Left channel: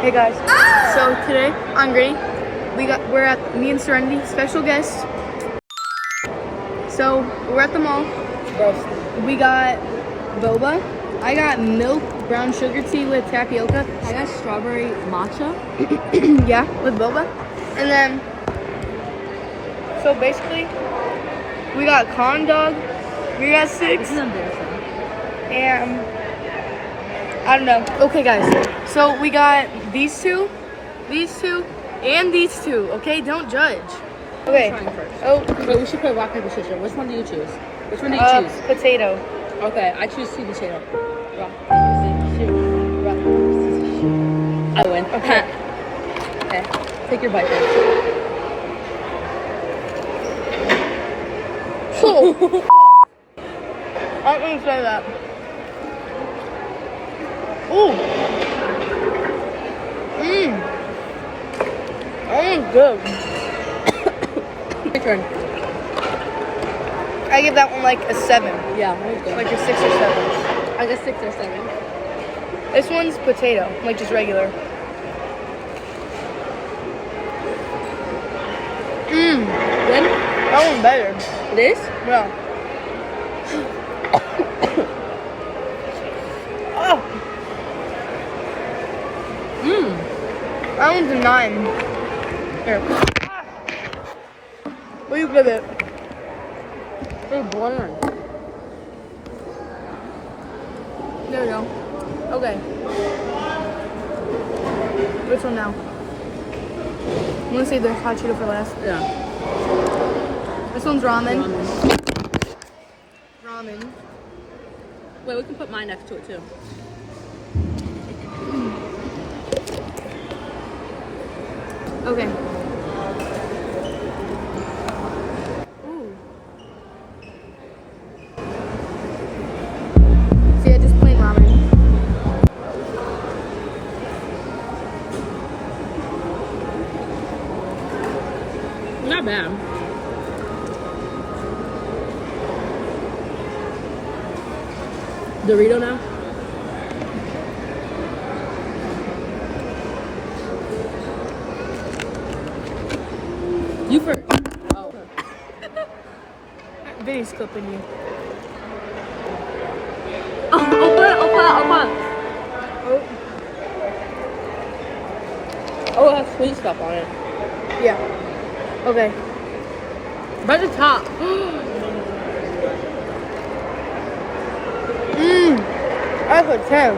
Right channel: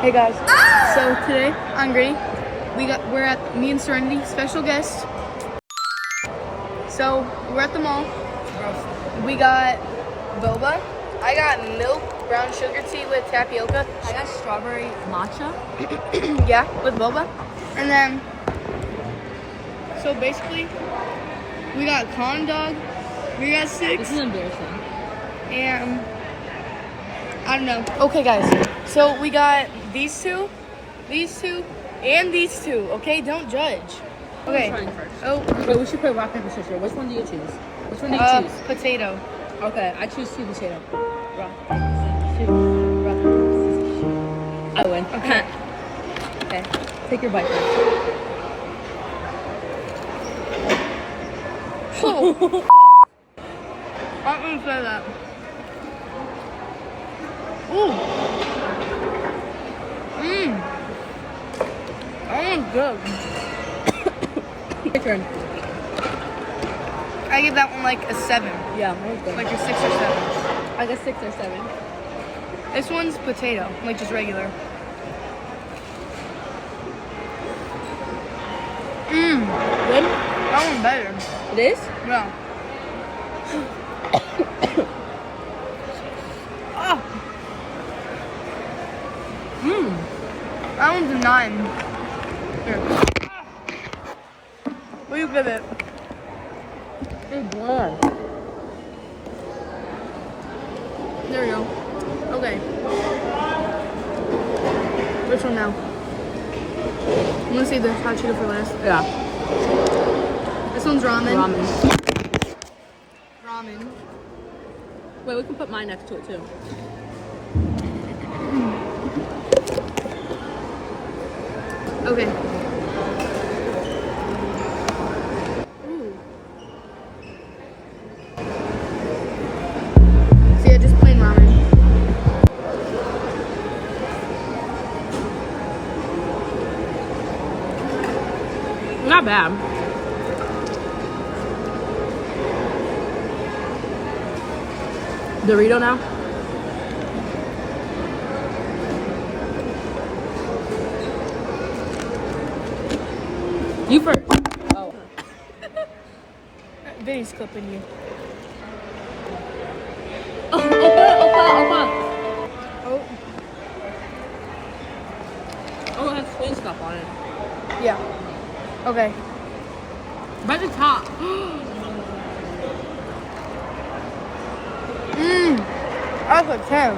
Hey guys. So today on Green, we're at me and Serenity, special guest. So we're at the mall. We got boba. I got milk, brown sugar tea with tapioca. I got strawberry matcha. Yeah, with boba. And then, so basically, we got corn dog. We got 6. This is embarrassing. And I don't know. Okay, guys. So we got these two, and these two. Okay, don't judge. Okay. Trying first. Oh, So we should play rock, paper, scissors. Which one do you choose? Which one do you choose? potato. Okay, I choose sweet potato. Yeah. I win. Okay. Okay. Take your bite then. I didn't say that. Ooh. That is good. Your turn. I give that one like a 7. Yeah, that was good. Like a 6 or 7. I got 6 or 7. This one's potato, like just regular. Good? That one's better. It is? Yeah. Oh, that one's a 9. Here. What do you give it? It's bland. There we go. Okay. Which one now? I'm gonna save the hot Cheeto for last. Yeah. This one's ramen. Ramen. Ramen. Wait, we can put mine next to it too. Okay. Ooh. So yeah, just plain ramen. Not bad. Dorito now? You first. Oh. Vinny's clipping me. Open it. Oh. Oh, it has sweet stuff on it. Yeah. Okay. By the top. That's a 10.